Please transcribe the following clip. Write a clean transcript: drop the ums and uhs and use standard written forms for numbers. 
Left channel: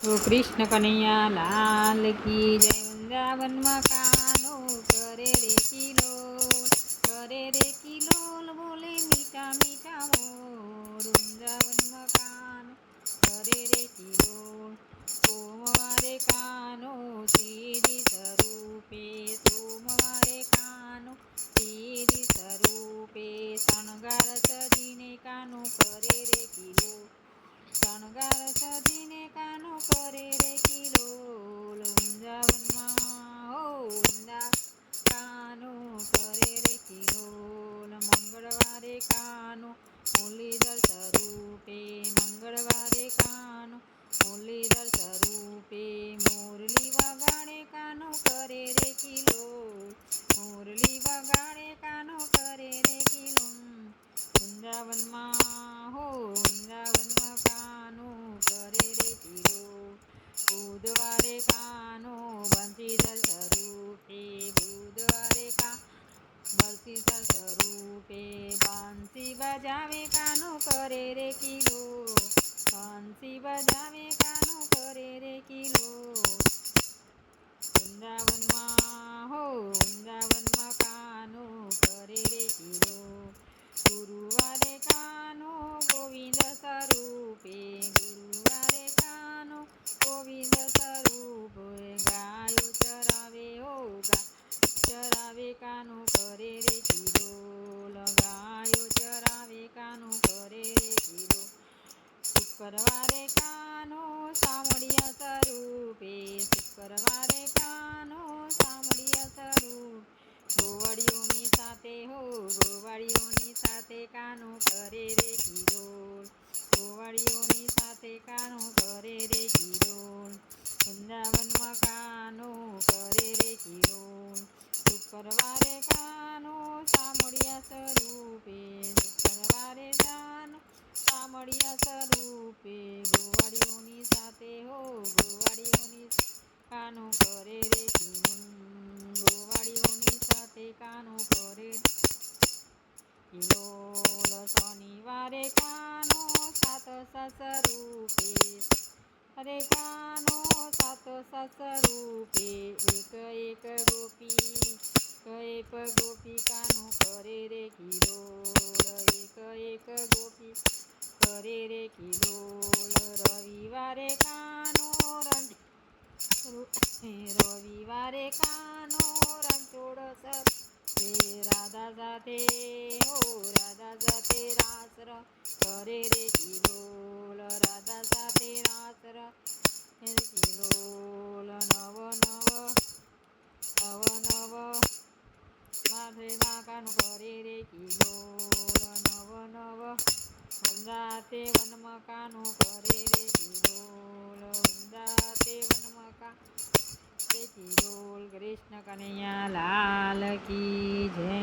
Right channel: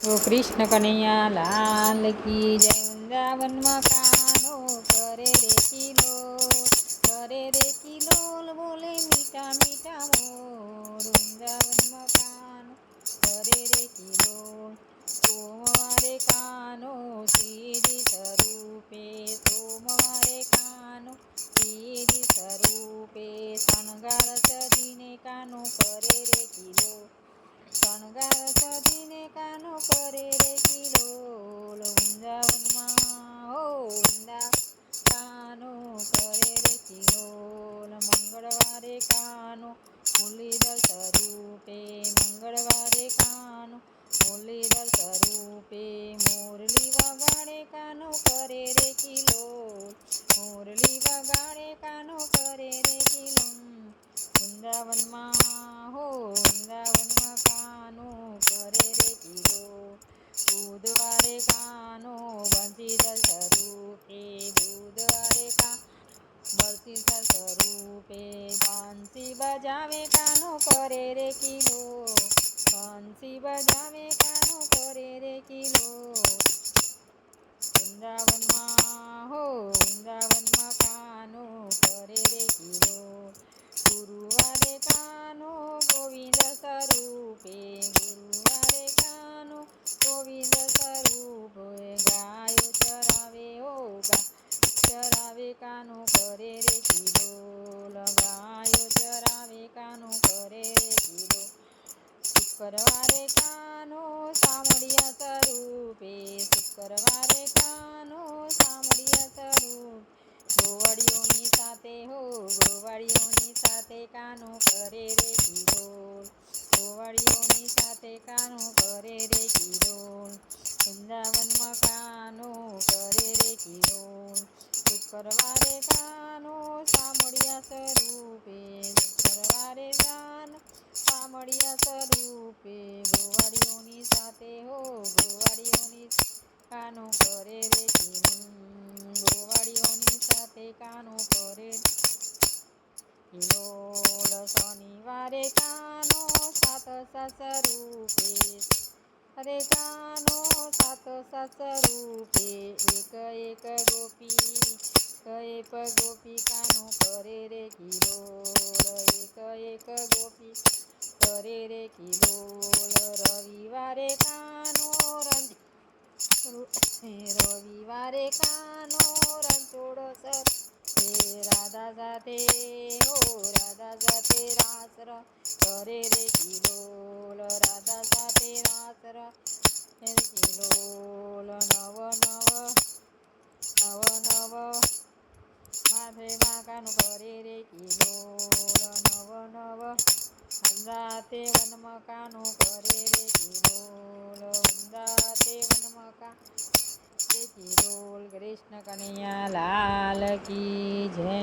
તો કૃષ્ણ કનૈયા લાલ કી જય. વૃંદાવનમાં કાનો કરે રે કિલોલ બોલે મીઠા મીઠા મોર. વૃંદાવનમાં કાનો કરે રે કિલોલ. સોમવારે કાનો શ્રીજી સ્વરૂપે, સોમવારે કાનો શ્રીજી સ્વરૂપે. શણગાર સજીને કાનો કરે રે કિલોલ, શણગાર સજીને કાનો કરે રે કિલોલ. વૃંદાવનમાં હો કાનો કરે રે કિલોલ. મંગળવારે કાનો મુરલીધર સ્વરૂપે, મંગળવારે કાનો મુરલીધર સ્વરૂપે. મુરલી વગાડે કાનો કરે રે કિલોલ, મુરલી વગાડે કાનો કરે રે કિલોલ. વૃંદાવનમાં વૃંદાવનમાં કાનો કરે રે કિલોલ. બુધવારે કાનો બંસીધર સ્વરૂપે, બુધવારે બંસીધર સ્વરૂપે. બંસી બજાવે કાનો કરે રે કિલોલ, બંસી બજાવે કાનો કરે રે કિલોલ. વૃંદાવનમાં કાનો કરે રે કિલોલ. ગુરુવારે કાનો ગોવિંદ સ્વરૂપે, ગુરુવારે કાનો ગોવિંદ સ્વરૂપે. ગાયો ચરાવે ચરાવે કાનો કરે રે કિલોલ, ગાયો ચરાવે કાનો કરે રે કિલોલ. શુક્રવારે કાનો સામળિયા સ્વરૂપે, શુક્રવારે કાનો સામળિયા સ્વરૂપે. ગોવાળીઓની સાથે ગોવાળીઓની સાથે કાનો કરે રે કિલોલ, ગોવાળીઓની સાથે કાનો કરે રે કિલોલ. વૃંદાવનમાં કાનો કરે રે કિલોલ. શુક્રવારે કાનો સામળિયા સ્વરૂપે, શુક્રવારે કાનો સામળિયા સ્વરૂપે. ગોવાળીઓની સાથે ગોવાળીઓની કાનો કરે રે કિલોલ, ગોવાળીઓની સાથે કાનો કરે કિલોલ. શનિવારે કાનો સાત સ્વરૂપે, અરે કાનો સાત સ્વરૂપે. એક એક ગોપી કાનો કરે રે કિલોલ, એક ગોપી કરે રે કિલોલ. રવિવારે કાનો રવિવારે કાનો રણછોડ સ્વરૂપે. રાધા સાથે રાધા સાથે રાસ કરે રે કિલોલ, રાધા સાથે રાસ રે કિલોલ. નવ નવ માથે કાનો કરે રે કિલોલ, નવ વંદાતે વનમાં કાનો કરે રે કિલોલ, વંદાતે વનમાં કાનો રે કિલોલ. કૃષ્ણ કનૈયા લાલ કી જય.